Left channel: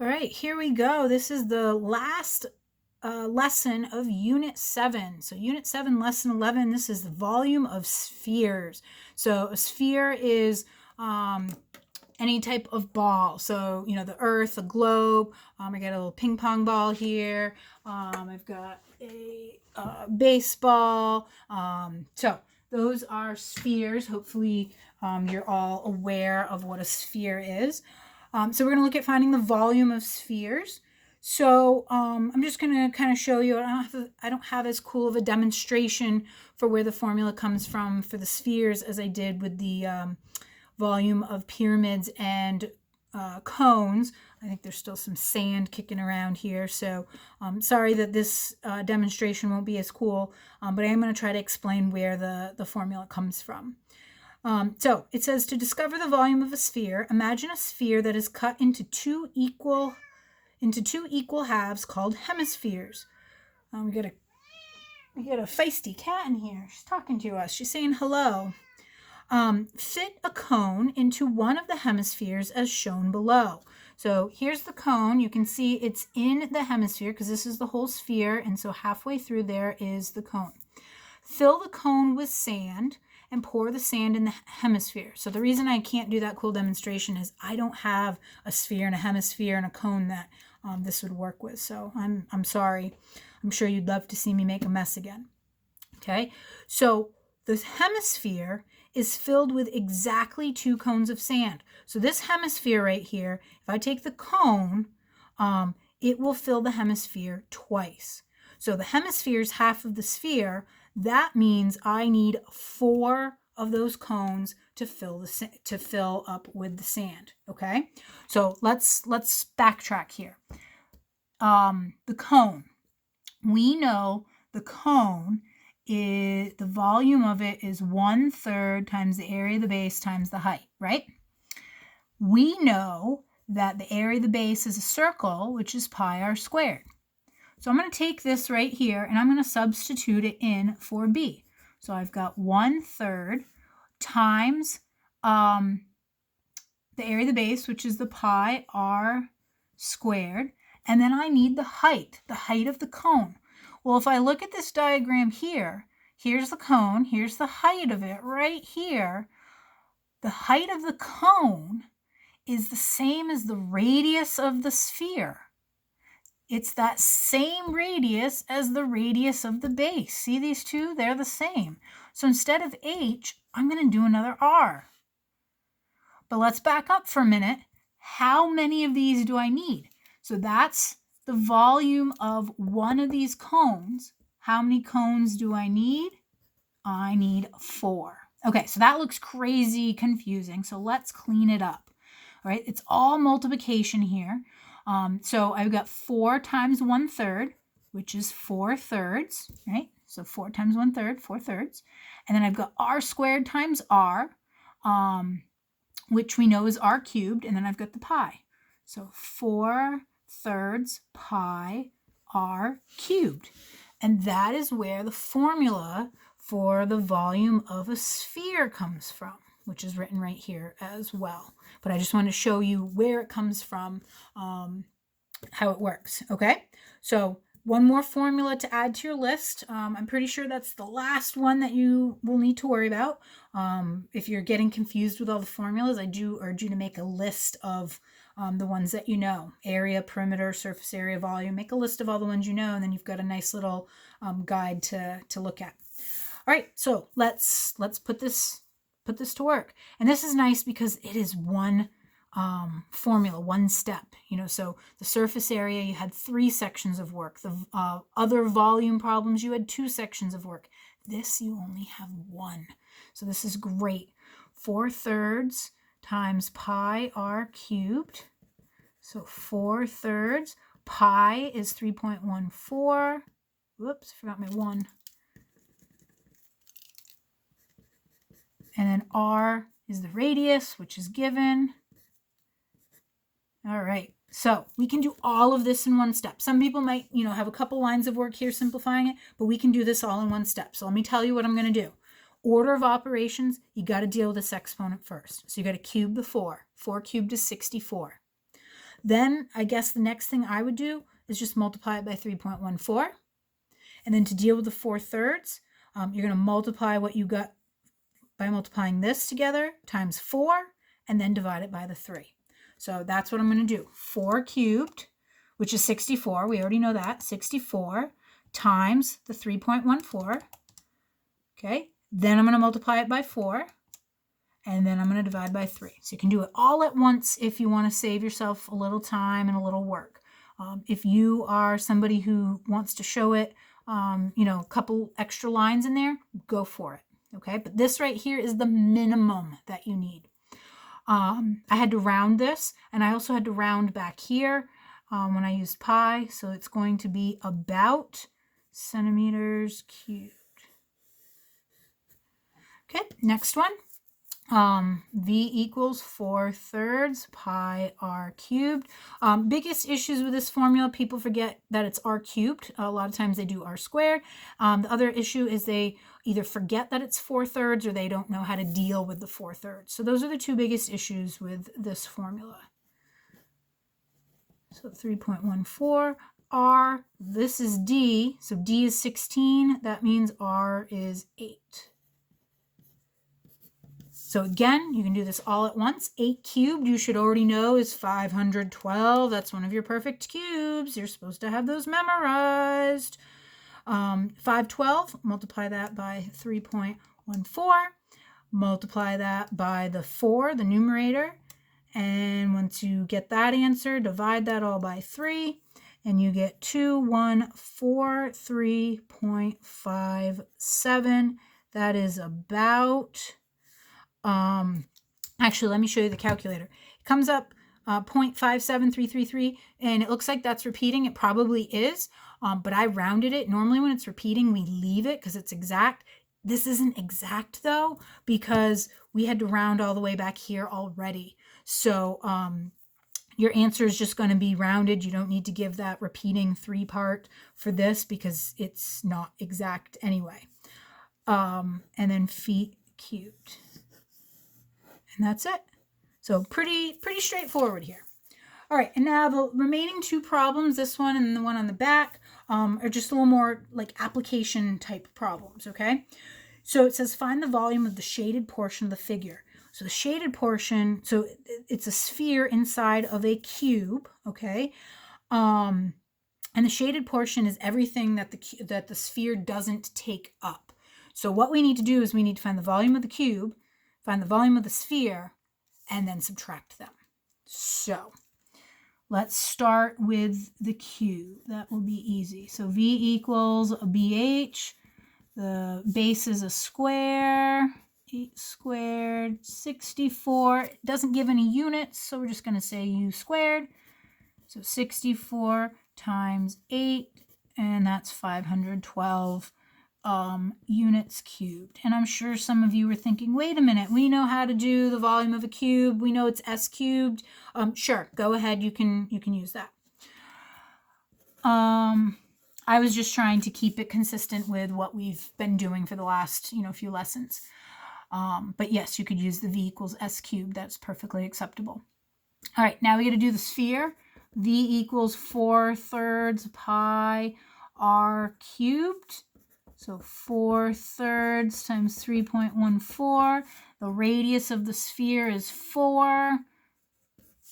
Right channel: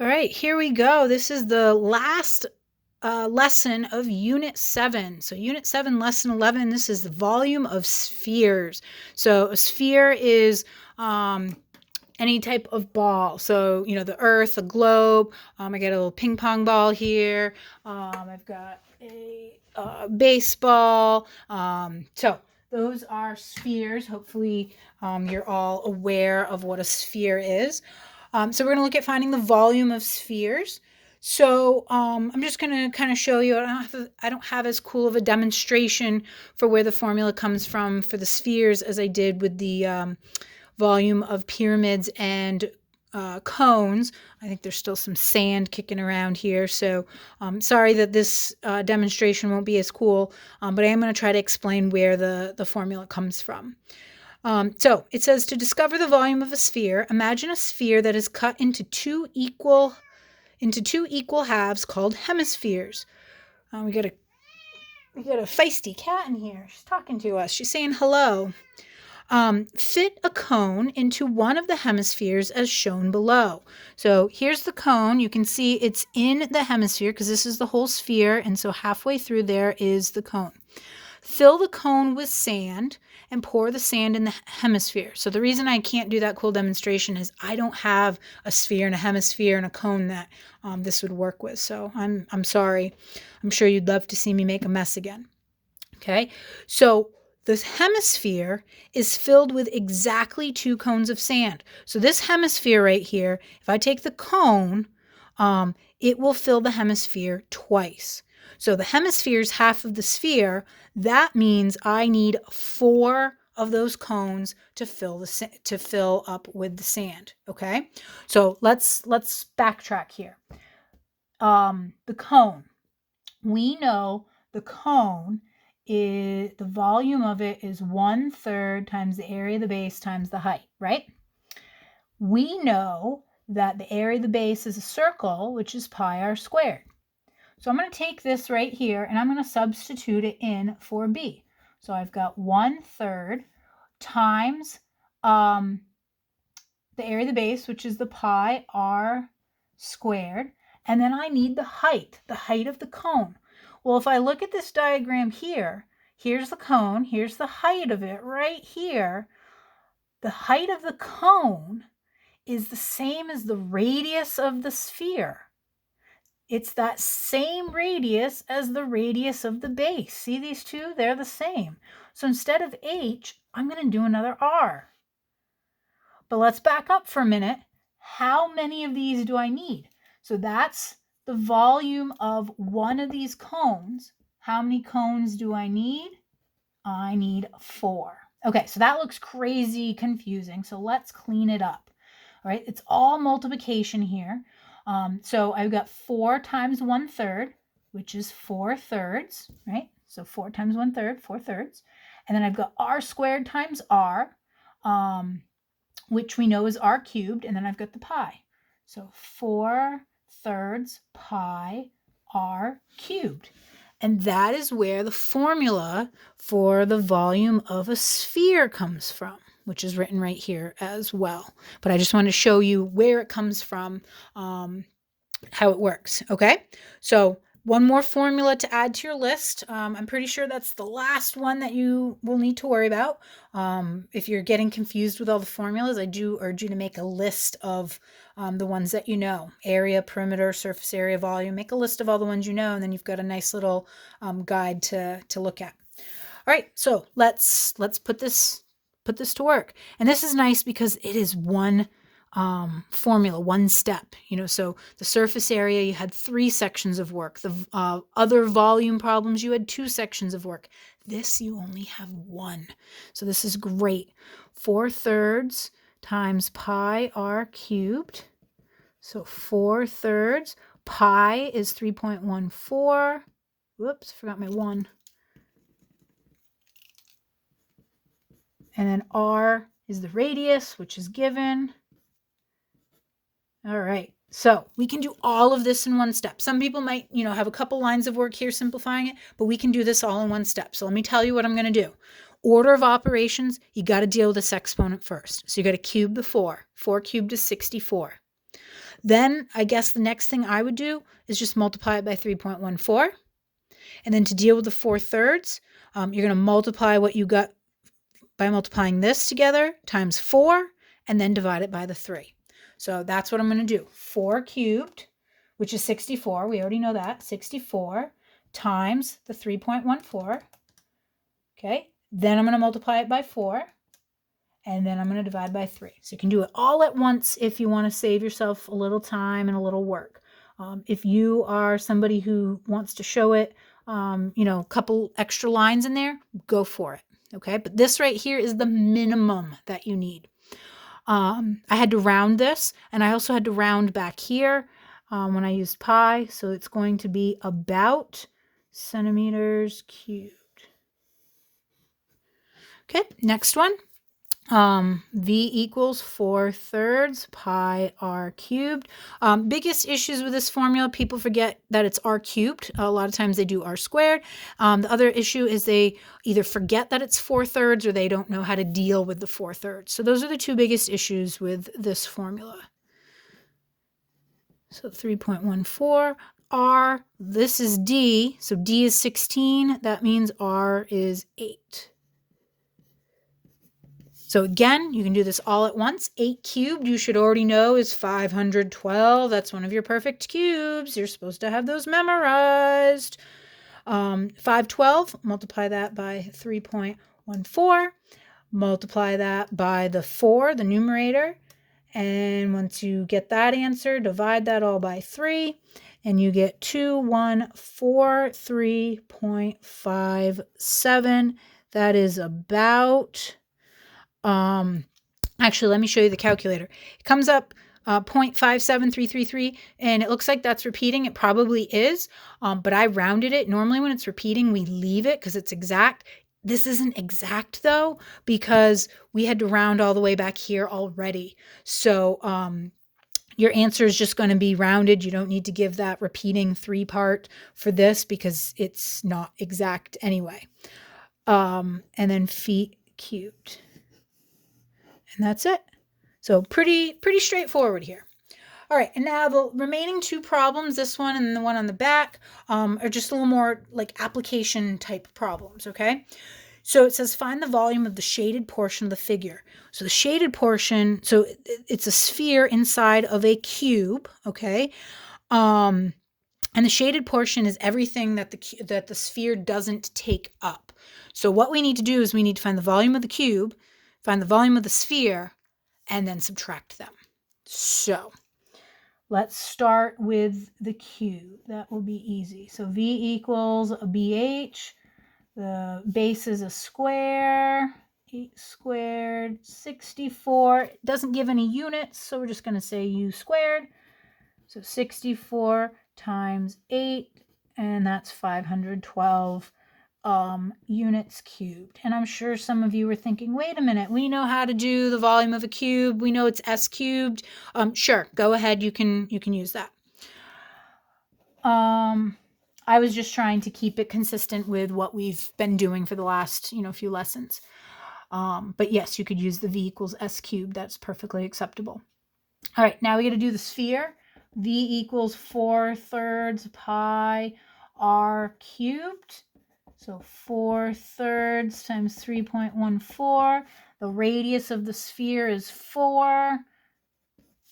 All right, here we go. This is the last lesson of Unit 7. So, Unit 7, Lesson 11, this is the volume of spheres. So, a sphere is any type of ball. So, the earth, a globe. I got a little ping pong ball here. I've got a baseball. So, those are spheres. Hopefully, you're all aware of what a sphere is. So we're going to look at finding the volume of spheres. So I'm just going to kind of show you. I don't have as cool of a demonstration for where the formula comes from for the spheres as I did with the volume of pyramids and cones. I think there's still some sand kicking around here. So sorry that this demonstration won't be as cool, but I am going to try to explain where the formula comes from. So it says to discover the volume of a sphere, imagine a sphere that is cut into two equal halves called hemispheres. We got a feisty cat in here. She's talking to us. She's saying hello. Fit a cone into one of the hemispheres as shown below. So here's the cone. You can see it's in the hemisphere because this is the whole sphere, and so halfway through there is the cone. Fill the cone with sand and pour the sand in the hemisphere. So the reason I can't do that cool demonstration is I don't have a sphere and a hemisphere and a cone that this would work with. So I'm sorry. I'm sure you'd love to see me make a mess again. Okay, so the hemisphere is filled with exactly two cones of sand. So this hemisphere right here, if I take the cone, it will fill the hemisphere twice. So the hemisphere is half of the sphere. That means I need 4 of those cones to fill up with the sand. Okay, so let's backtrack here. The cone. We know the cone is the volume of it is 1/3 times the area of the base times the height, right? We know that the area of the base is a circle, which is pi r squared. So I'm going to take this right here and I'm going to substitute it in for b. So I've got 1/3 times the area of the base, which is the pi r squared, and then I need the height of the cone. Well, if I look at this diagram here, here's the cone, here's the height of it right here. The height of the cone is the same as the radius of the sphere. It's that same radius as the radius of the base. See these two? They're the same. So instead of h, I'm going to do another r. But let's back up for a minute. How many of these do I need? So that's the volume of one of these cones. How many cones do I need? I need 4. Okay, so that looks crazy confusing. So let's clean it up. All right, it's all multiplication here. So I've got 4 times 1/3, which is 4/3, right? So 4 times 1/3, 4/3. And then I've got r squared times r, which we know is r cubed, and then I've got the pi. So 4/3 pi r cubed. And that is where the formula for the volume of a sphere comes from, which is written right here as well. But I just want to show you where it comes from, how it works. Okay, so one more formula to add to your list. I'm pretty sure that's the last one that you will need to worry about. If you're getting confused with all the formulas, I do urge you to make a list of the ones that you know: area, perimeter, surface area, volume. Make a list of all the ones you know, and then you've got a nice little guide to look at. All right, so let's put this to work. And this is nice because it is one formula, one step. So the surface area, you had 3 sections of work. The other volume problems, you had 2 sections of work. This, you only have 1. So this is great. 4/3 times pi r cubed. So 4/3. Pi is 3.14. Whoops, forgot my 1. And then r is the radius, which is given. All right, so we can do all of this in one step. Some people might, have a couple lines of work here simplifying it, but we can do this all in one step. So let me tell you what I'm going to do. Order of operations, you got to deal with this exponent first. So you got to cube the 4. 4 cubed is 64. Then I guess the next thing I would do is just multiply it by 3.14. And then to deal with the 4/3, you're going to multiply what you got by multiplying this together times 4 and then divide it by the 3. So that's what I'm going to do. 4 cubed, which is 64. We already know that. 64 times the 3.14. Okay. Then I'm going to multiply it by 4. And then I'm going to divide by 3. So you can do it all at once if you want to save yourself a little time and a little work. If you are somebody who wants to show it, a couple extra lines in there, go for it. Okay, but this right here is the minimum that you need. I had to round this, and I also had to round back here when I used pi. So it's going to be about centimeters cubed. Okay, next one. V equals 4/3 pi r cubed. Biggest issues with this formula, people forget that it's r cubed. A lot of times they do r squared. The other issue is they either forget that it's 4/3 or they don't know how to deal with the 4/3. So those are the two biggest issues with this formula. So 3.14 r, this is d, so d is 16, that means r is 8. So again, you can do this all at once. 8 cubed, you should already know, is 512. That's one of your perfect cubes. You're supposed to have those memorized. 512, multiply that by 3.14. Multiply that by the 4, the numerator. And once you get that answer, divide that all by 3. And you get 2143.57. That is about... actually, let me show you the calculator. It comes up 0.57333, and it looks like that's repeating. It probably is, but I rounded it. Normally when it's repeating, we leave it because it's exact. This isn't exact though, because we had to round all the way back here already. So your answer is just going to be rounded. You don't need to give that repeating 3 part for this because it's not exact anyway. And then feet cubed. And that's it. So pretty straightforward here. All right, and now the remaining 2 problems, this one and the one on the back, are just a little more like application type problems, okay? So it says find the volume of the shaded portion of the figure. So the shaded portion, so it's a sphere inside of a cube, okay? And the shaded portion is everything that the sphere doesn't take up. So what we need to do is we need to find the volume of the cube, find the volume of the sphere, and then subtract them. So let's start with the cube. That will be easy. So V equals a BH. The base is a square. 8 squared, 64. It doesn't give any units, so we're just going to say U squared. So 64 times 8, and that's 512 units cubed. And I'm sure some of you were thinking, wait a minute, we know how to do the volume of a cube. We know it's s cubed. Sure, go ahead. You can use that. I was just trying to keep it consistent with what we've been doing for the last, few lessons. But yes, you could use the V equals s cubed. That's perfectly acceptable. All right, now we got to do the sphere. V equals 4/3 pi r cubed. So 4/3 times 3.14. The radius of the sphere is 4.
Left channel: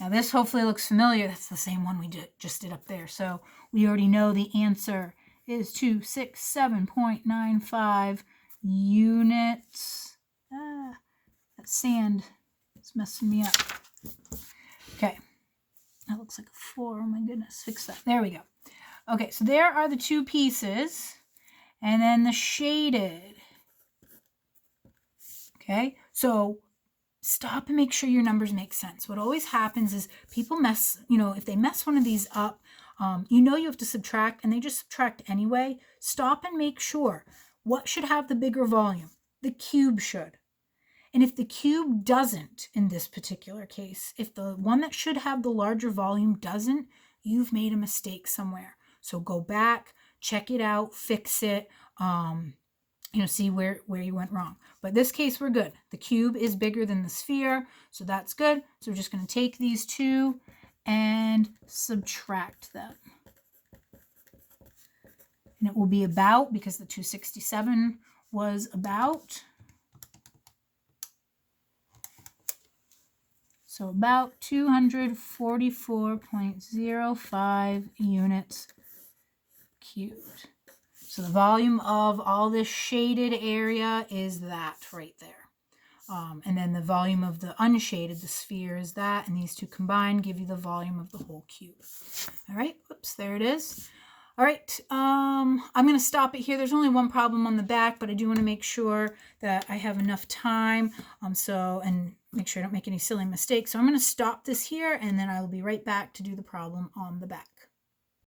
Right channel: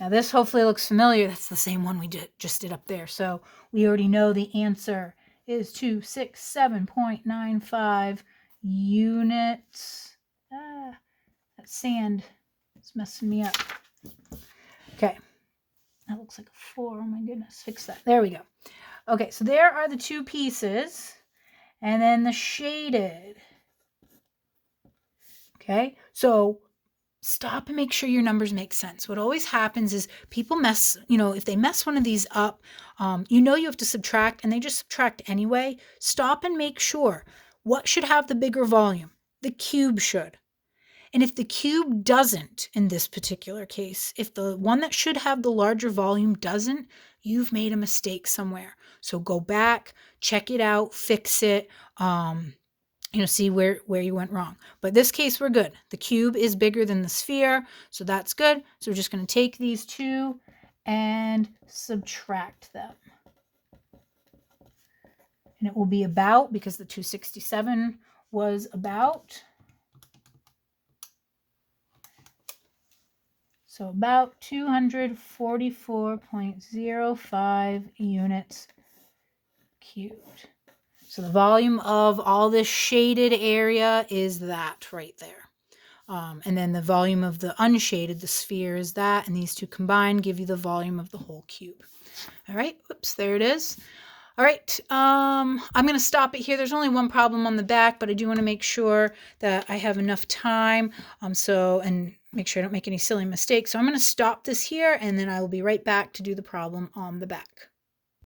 Now this hopefully looks familiar. That's the same one we just did up there. So we already know the answer is 267.95 units. That sand is messing me up. Okay. That looks like a 4. Oh my goodness. Fix that. There we go. Okay, so there are the 2 pieces. And then the shaded. Okay, so stop and make sure your numbers make sense. What always happens is people mess, if they mess one of these up, you have to subtract and they just subtract anyway. Stop and make sure. What should have the bigger volume? The cube should. And if the cube doesn't, in this particular case, if the one that should have the larger volume doesn't, you've made a mistake somewhere. So go back, check it out, fix it, see where you went wrong. But this case, we're good. The cube is bigger than the sphere, so that's good. So we're just going to take these 2 and subtract them. And it will be about, because the 267 was about, so about 244.05 units cubed. So the volume of all this shaded area is that right there. And then the volume of the unshaded, the sphere, is that, and these two combined give you the volume of the whole cube. All right, whoops, there it is. All right, I'm going to stop it here. There's only one problem on the back, but I do want to make sure that I have enough time, and make sure I don't make any silly mistakes. So I'm going to stop this here, and then I will be right back to do the problem on the back.